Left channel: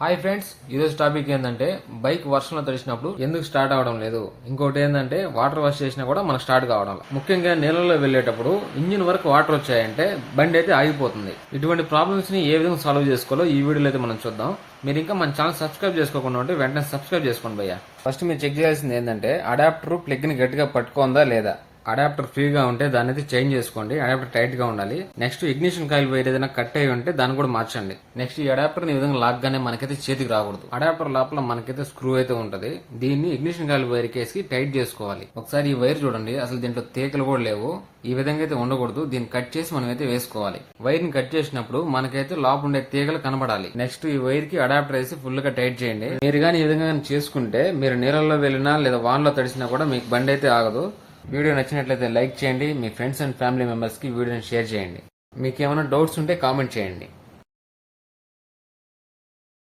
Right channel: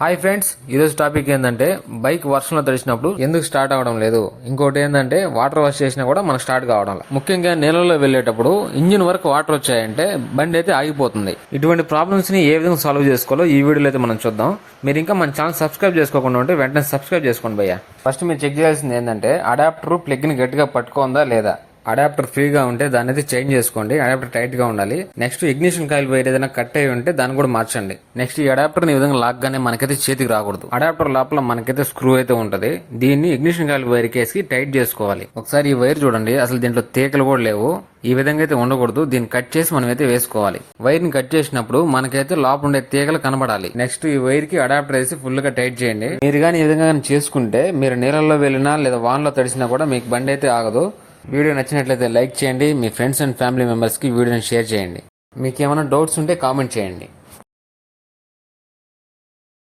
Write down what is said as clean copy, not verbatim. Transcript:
Hi friends, ఈరోజు topic ఏంటంటే bike వర్షంలో తడిచినప్పుడు ఎందుకు స్టార్ట్ అవడం లేదు. ఇంకోటి ఏంటంటే వాటర్ వాష్ చేసినా కూడా మనకు స్టార్ట్ కావడం లేదు. ముఖ్యంగా నీళ్ళలో వెళ్ళేటప్పుడు ఇంజిన్ వరకు వాటర్ వచ్చాయంటే బండి అయితే ఆగిపోతుంది. ఇటువంటి ప్రాబ్లమ్స్ ని ఏ విధంగా సాల్వ్ చేసుకోవాలో ఈ వీడియోలో అయితే మనం చూద్దాం. మీరు ఇంకా మన ఛానల్ సబ్స్క్రైబ్ చేసుకోకుండా ఉంటే వెంటనే సబ్స్క్రైబ్ చేసుకోండి భయ్యా. ఫస్ట్ మీరు చెక్ చేయాల్సింది ఏంటంటే అడాప్టర్ ప్లగ్ ని గట్టిగా పట్టుకోందా లేదా. అడాప్టర్ ఫ్రీగా ఉంటే దాన్ని అయితే చేంజ్ చేసుకోండి. అడాప్టర్ టైట్ గా ఉండాలి. నెక్స్ట్ ఇగ్నిషన్ కాయిల్ వైర్ ఏదైనా కట్ అయి ఉంటే దాన్ని కూడా మార్చండి. నెక్స్ట్ ఈ అడాప్టర్ ఈ విధంగా లాక్ గానే మనకైతే చేతికి రాకూడదు. అడాప్టర్ లోపల మనకైతే స్క్రూ అయితే ఉంటది. దీన్ని ఇగ్నిషన్ కాయిల్ వైర్ కేసి టైట్ చేసుకోవాలి. ఒకసారి ఈ వైర్ చూడండి, అసలు దీంట్లో తీగలు కూడా లేవు. ఈ విధంగా అయితే ఉండకూడదు. దీన్ని కట్ చేసి మనం అయితే వేసుకోవాలి. వైర్ ని కట్ చేసినప్పుడు మనకైతే లోపల ఉండే తీగలు కనబడాలి. నెక్స్ట్ ఈ వైర్ కి అడాప్టర్ వేసి ఫుల్ గా టైట్ చేయండి. మీరు కానీ ఈ విధంగా చేసుకుంటే మీరు నీళ్ళలో వెళ్ళినా లేదా వాన్ లో తడిసినా కూడా మీకు బండి అయితే ఆగదు. వీడియో నచ్చినట్లయితే లైక్ చేయండి. మీ ఫ్రెండ్స్ అండ్ ఫ్యామిలీ మెంబర్స్ కి వీడియోని షేర్ చేయండి. మీకు ఏమైనా డౌట్స్ ఉంటే కామెంట్ చేయండి.